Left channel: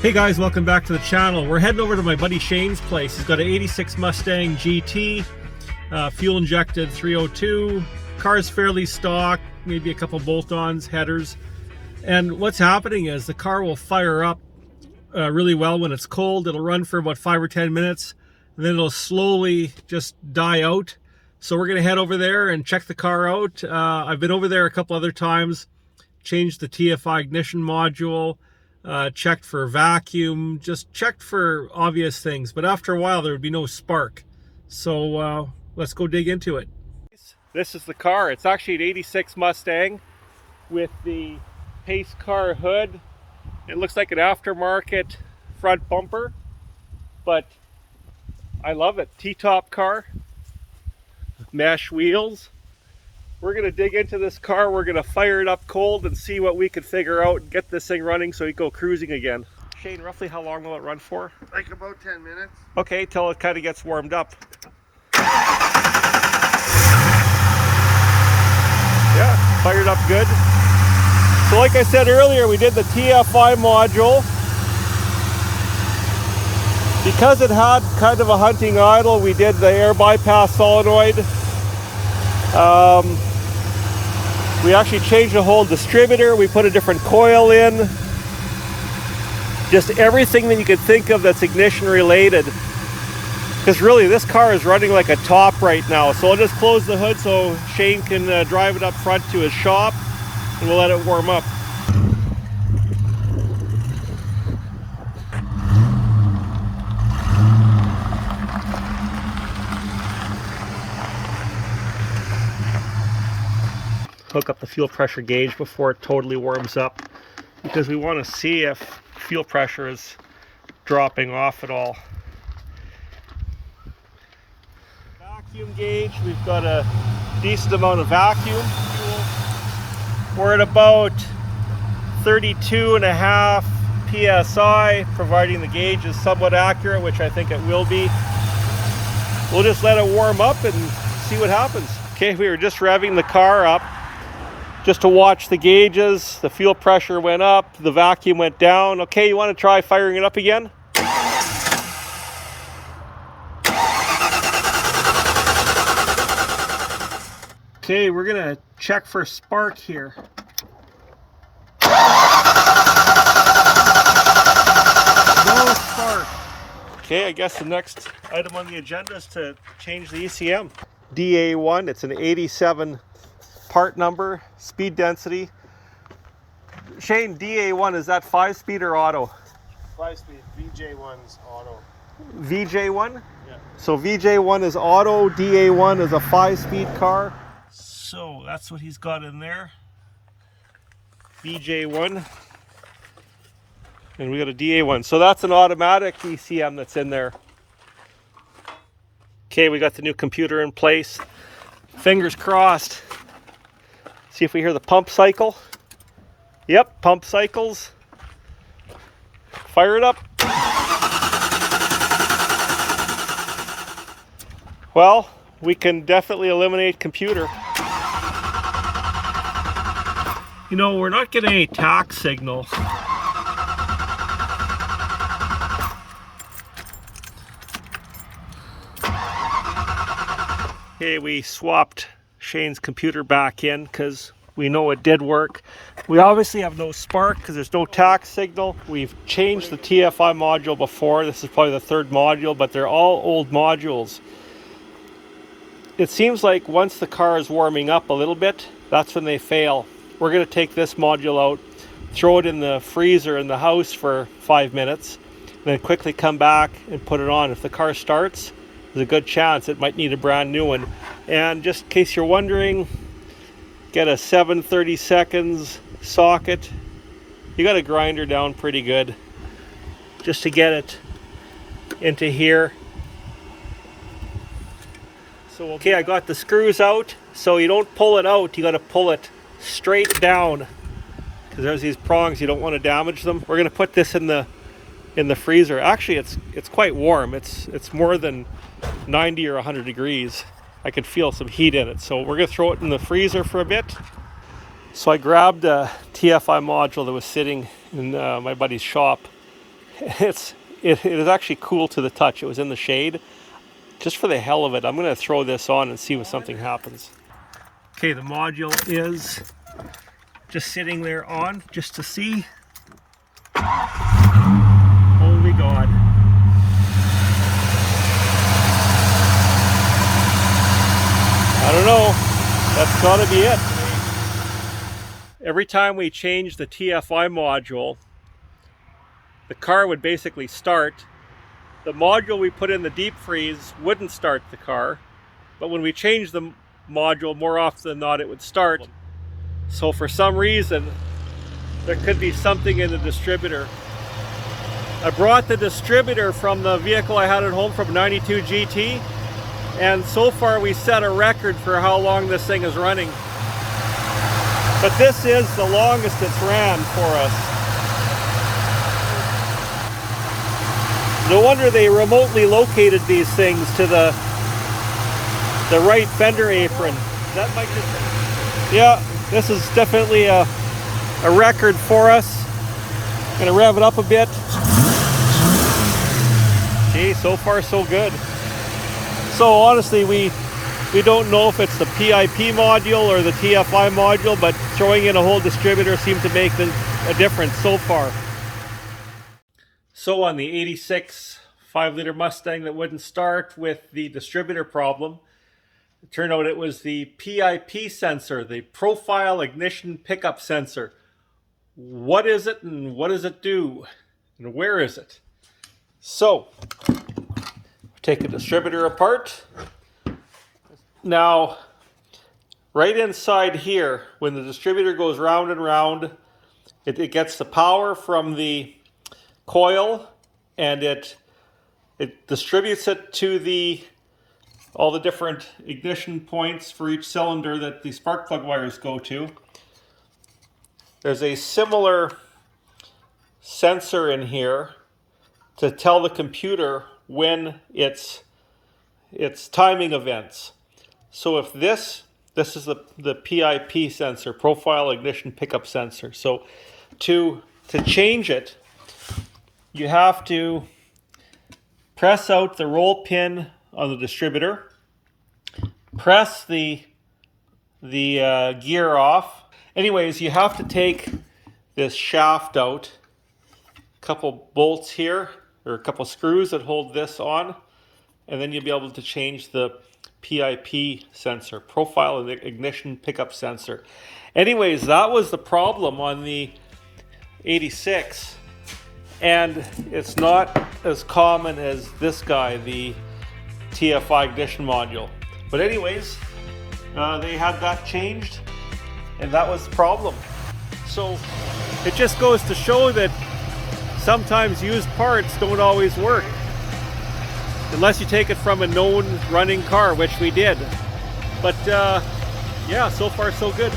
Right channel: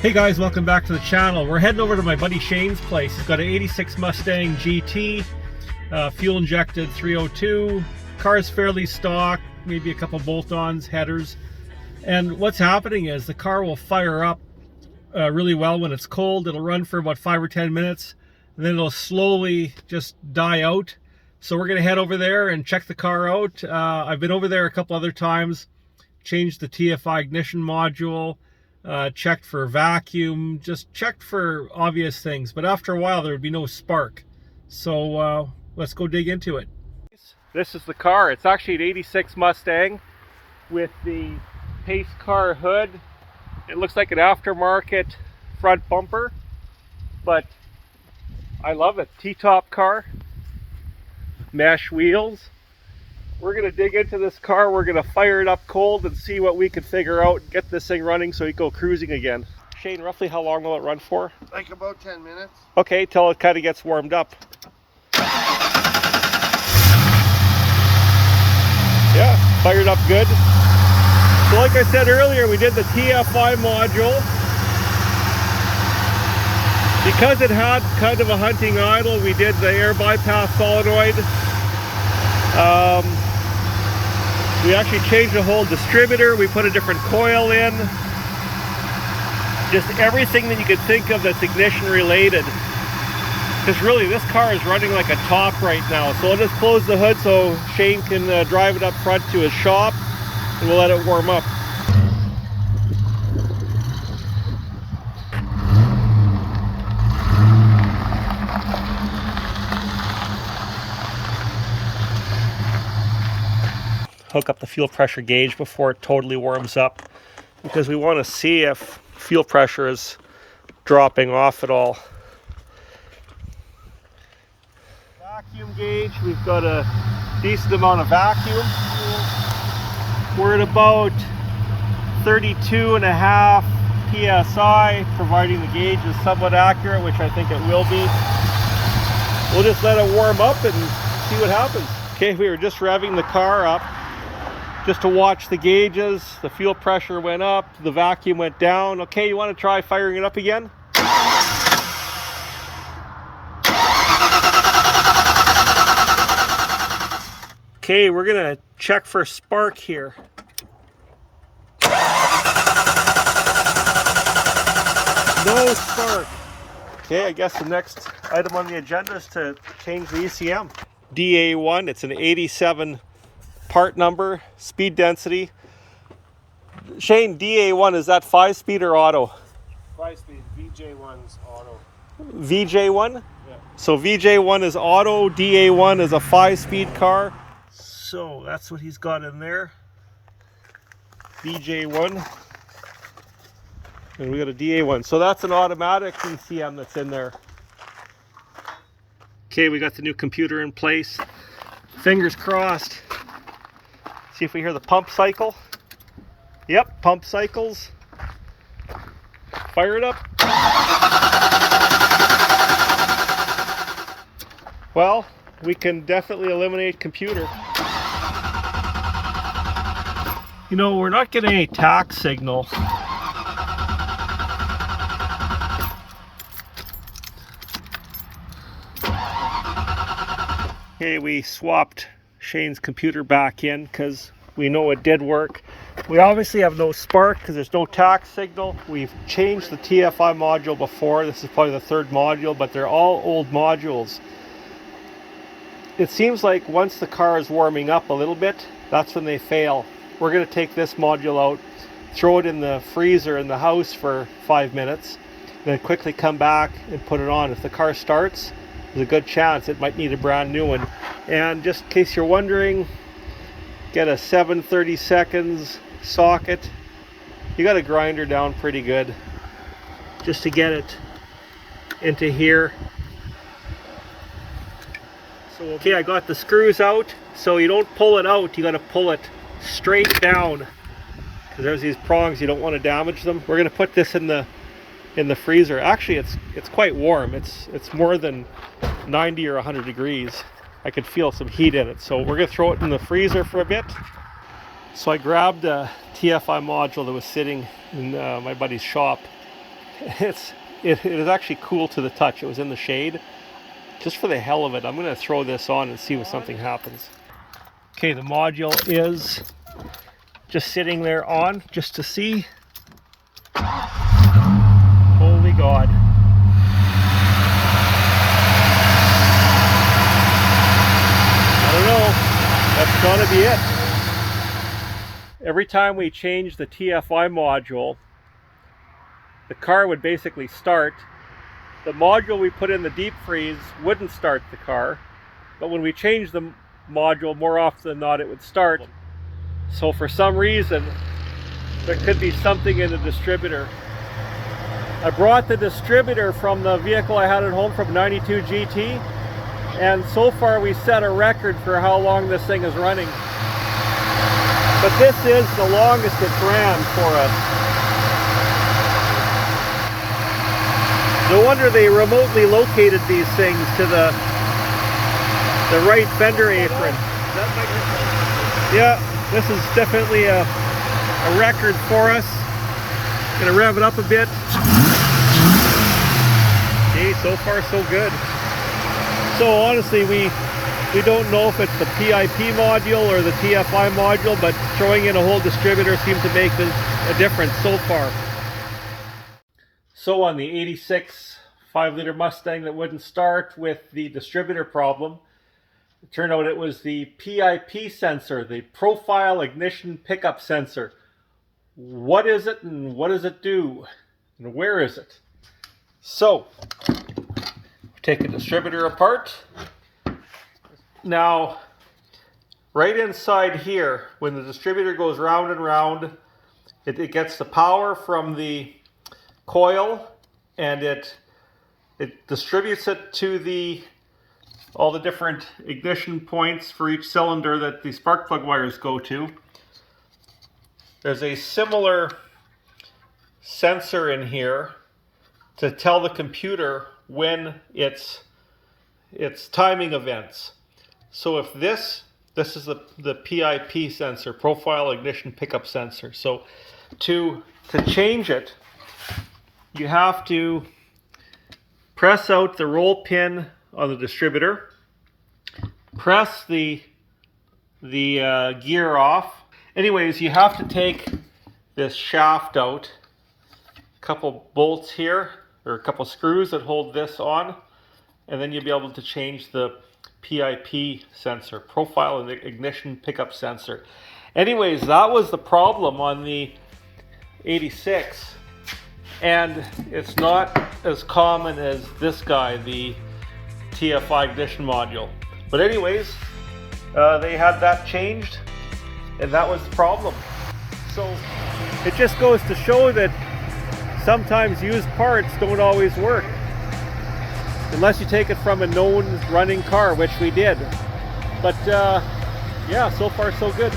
Hey guys, welcome back to the channel. We're heading over to my buddy Shane's place. He's got an 86 Mustang GT, fuel injected 302. Car's fairly stock, maybe a couple bolt-ons, headers. And what's happening is the car will fire up really well when it's cold. It'll run for about 5 or 10 minutes, and then it'll slowly just die out. So we're gonna head over there and check the car out. I've been over there a couple other times, changed the TFI ignition module, checked for vacuum, just checked for obvious things, but after a while there would be no spark. So let's go dig into it. This is the car. It's actually an 86 Mustang with the pace car hood. It looks like an aftermarket front bumper, but I love it. T-top car, mesh wheels. We're going to dig into this car. We're going to fire it up cold and see what we can figure out and get this thing running so we can go cruising again. Shane, roughly how long will it run for? Like about 10 minutes. Okay, till it kind of gets warmed up. Yeah, fired up good. So like I said earlier, we did the TFI module. Because it had kind of a hunting idle, we did the air bypass solenoid. We actually changed the whole distributor. We put a different coil in. Just everything that you could think of that's ignition related. Because really this car is running like a top right now. So I'll just close the hood so Shane can drive it up front to his shop, and we'll let it warm up. Hook up the fuel pressure gauge before it totally warms up, because we want to see if fuel pressure is dropping off at all. Vacuum gauge, we've got a decent amount of vacuum. We're at about 32.5 psi, providing the gauge is somewhat accurate, which I think it will be. We'll just let it warm up and see what happens. Okay, we were just revving the car up just to watch the gauges. The fuel pressure went up, the vacuum went down. Okay, you want to try firing it up again? Okay, we're gonna check for spark here. No spark. Okay, I guess the next item on the agenda is to change the ECM. DA1, it's an 87 part number, speed density. Shane, DA1, is that 5-speed or auto? 5-speed. VJ1's auto. VJ1? Yeah. So VJ1 is auto, DA1 is a 5-speed car. So that's what he's got in there. VJ1. And we got a DA1. So that's an automatic ECM that's in there. Okay, we got the new computer in place. Fingers crossed. See if we hear the pump cycle. Yep, pump cycles. Fire it up. Well, we can definitely eliminate computer. You know, we're not getting any tach signal. Okay, we swapped Shane's computer back in because we know it did work. We obviously have no spark because there's no tach signal. We've changed the TFI module before. This is probably the third module, but they're all old modules. It seems like once the car is warming up a little bit, that's when they fail. We're going to take this module out, throw it in the freezer in the house for 5 minutes, then quickly come back and put it on. If the car starts, there's a good chance it might need a brand new one. And just in case you're wondering, get a 7/32 socket. You got to grind her down pretty good just to get it into here. So okay, I got the screws out. So you don't pull it out, you got to pull it straight down, because there's these prongs, you don't want to damage them. We're going to put this in the freezer. Actually, it's quite warm. It's more than 90 or 100 degrees. I could feel some heat in it. So we're going to throw it in the freezer for a bit. So I grabbed a TFI module that was sitting in my buddy's shop, it is actually cool to the touch. It was in the shade. Just for the hell of it, I'm going to throw this on and see if something happens. Okay, the module is just sitting there on, just to see. Holy God. I don't know. That's got to be it. Every time we change the TFI module, the car would basically start. The module we put in the deep freeze wouldn't start the car, but when we changed the module, more often than not, it would start. So for some reason, there could be something in the distributor. I brought the distributor from the vehicle I had at home from 92 GT, and so far we set a record for how long this thing is running. But this is the longest it's ran for us. No wonder they remotely located these things to the right fender apron. That might Yeah, this is definitely a record for us. Gonna rev it up a bit. Okay, so far so good. So honestly, we don't know if it's the PIP module or the TFI module, but throwing in a whole distributor seemed to make a difference so far. So on the 86 5-liter Mustang that wouldn't start with the distributor problem, it turned out it was the PIP sensor, the Profile Ignition Pickup Sensor. What is it and what does it do? And where is it? So, take a distributor apart. Now, right inside here, when the distributor goes round and round, it gets the power from the coil, and it distributes it to all the different ignition points for each cylinder that the spark plug wires go to. There's a similar sensor in here to tell the computer when it's timing events. So if this is the PIP sensor, Profile Ignition Pickup Sensor. So to change it, you have to press out the roll pin on the distributor, press the gear off. Anyways, you have to take this shaft out, a couple bolts here, or a couple screws that hold this on, and then you'll be able to change the PIP sensor, Profile Ignition Pickup Sensor. Anyways, that was the problem on the 86. And it's not as common as this guy, the TFI ignition module. But anyways, they had that changed, and that was the problem. So it just goes to show that sometimes used parts don't always work, unless you take it from a known running car, which we did. But yeah, so far so good.